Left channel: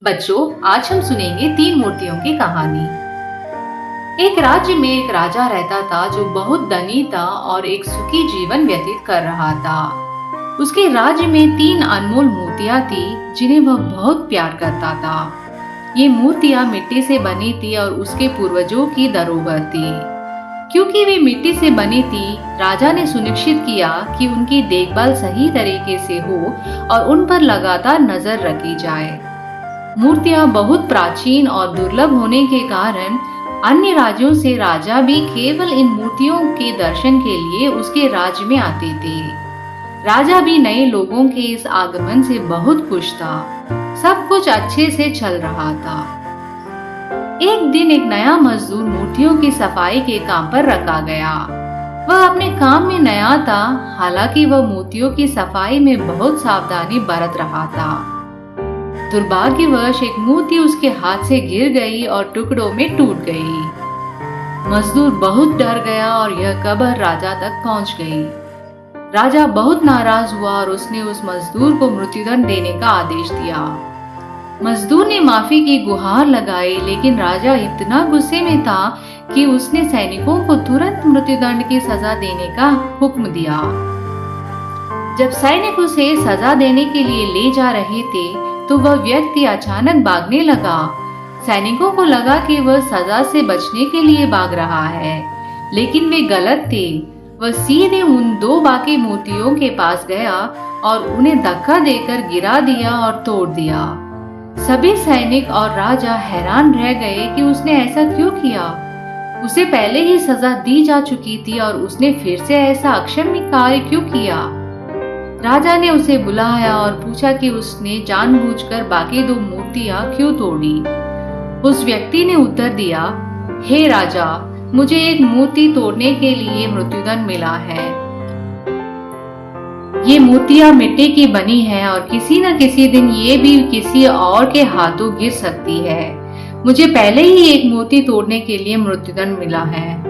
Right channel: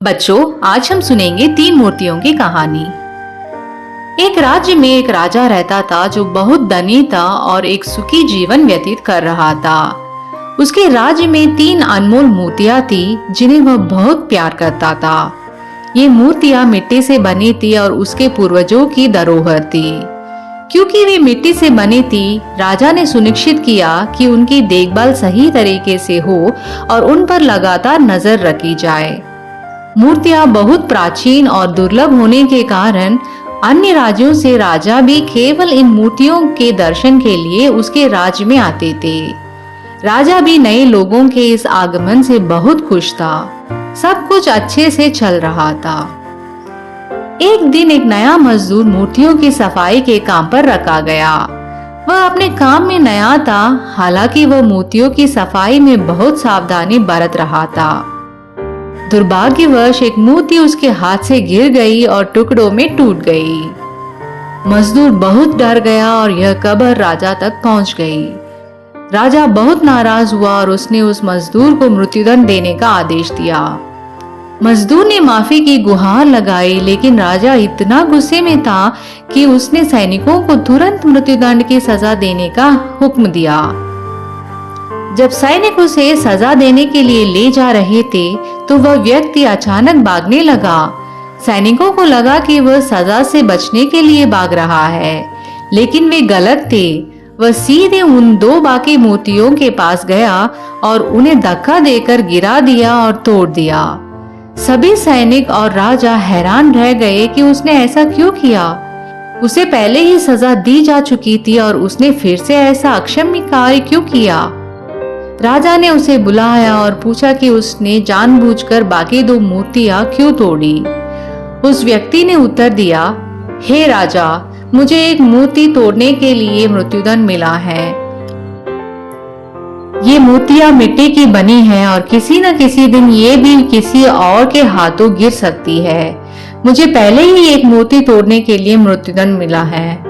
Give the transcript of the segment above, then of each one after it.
बच्चों, आज हम सुनेंगे 3 मूर्तियों की कहानी। एक राज्य में एक राजा रहता था जो बहुत धनी था और एक सुखी जीवन व्यतीत कर रहा था। उसके राज्य में 3 अनमोल मूर्तियां थी जिन्हें वह बहुत प्यार करता था। ये मूर्तियां मिट्टी से बनी थी और उसके पूर्वजों की धरोहर थी। क्योंकि वे मिट्टी से बनी थी, राजा ने सुनिश्चित किया कि उनकी देखभाल सही तरीके से हो और उन पर लगातार नजर रखी जाए। मूर्तियां बहुत प्राचीन और दुर्लभ होने के कारण अन्य राज्यों से राजा भी केवल इन मूर्तियों के दर्शन के लिए उसके राज्य में आते थे। राजा भी नए लोगों के इस आगमन से बहुत खुश था। सब कुछ अच्छे से चल रहा था। एक दिन एक नया मजदूर मूर्तियों की सफाई के काम पर रखा गया। वह अपने काम में नया था, हालांकि वह मूर्तियों की सफाई में बहुत सावधानी बरत रहा था। दुर्भाग्यवश एक मूर्ति उसके हाथ से गिर गई और टुकड़ों में टूट गई। मजदूर बहुत डर गया और यह खबर राजा तक पहुंच गई। राजा बहुत नाराज हुआ और उसने उस मजदूर को मृत्युदंड देने का आदेश दिया। मजदूर ने माफी की गुहार लगाई, लेकिन राजा इतना गुस्से में था कि उसने सैनिकों को तुरंत मृत्युदंड की सजा देने का हुक्म दिया। जब सैनिक उसे सजा देने के लिए ले जा रहे थे, तो वह व्यक्ति अचानक भागने लगा। सैनिकों को लगा कि वह सजा से बचने के लिए भाग रहा है, लेकिन वे गलत थे। वह सीधे उन 2 बाकी मूर्तियों के पास गया और उन्हें धक्का देकर गिरा दिया और तोड़ दिया। सभी सैनिक और राजा हैरान रह गए कि उसने ऐसा क्यों किया। उसे पहले ही सजा दी जा चुकी थी और उसने फिर से ऐसा अक्षम्य कार्य क्यों किया। राजा ने उसे बुलाया और पूछा कि उसने जानबूझकर बाकी 2 मूर्तियां क्यों तोड़ी। उस व्यक्ति ने उत्तर दिया, हे राजा, मुझे एक मूर्ति तोड़ने के लिए मृत्युदंड मिला है। ये मूर्तियां मिट्टी की बनी हैं और किसी न किसी दिन ये भी किसी और के हाथों गिर सकती है। मुझे पहले ही एक मूर्ति तोड़ने के लिए मृत्युदंड मिला है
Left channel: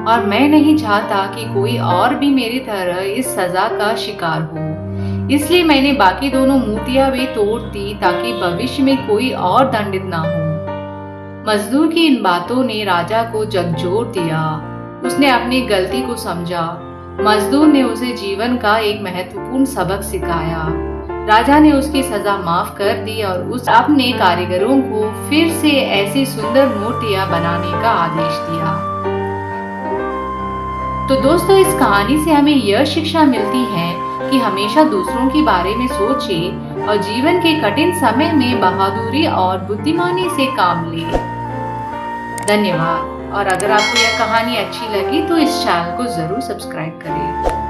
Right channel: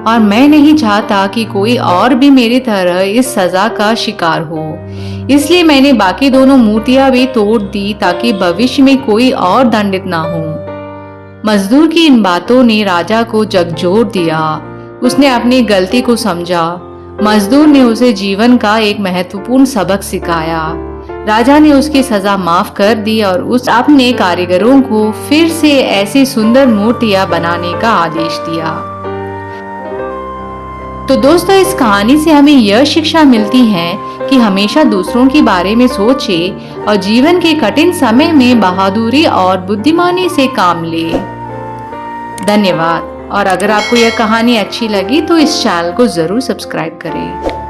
और मैं नहीं चाहता कि कोई और भी मेरी तरह इस सजा का शिकार हो। इसलिए मैंने बाकी दोनों मूर्तियां भी तोड़ दी ताकि भविष्य में कोई और दंडित ना हो। मजदूर की इन बातों ने राजा को झकझोर दिया। उसने अपनी गलती को समझा। मजदूर ने उसे जीवन का एक महत्वपूर्ण सबक सिखाया। राजा ने उसकी सजा माफ कर दी और उस अपने कारीगरों को फिर से ऐसी सुंदर मूर्तियां बनाने का आदेश दिया। तो दोस्तों, इस कहानी से हमें यह शिक्षा मिलती है कि हमेशा दूसरों के बारे में सोचें और जीवन के कठिन समय में बहादुरी और बुद्धिमानी से काम लें। धन्यवाद। और अगर आपको यह कहानी अच्छी लगी तो इस चैनल को जरूर सब्सक्राइब करें।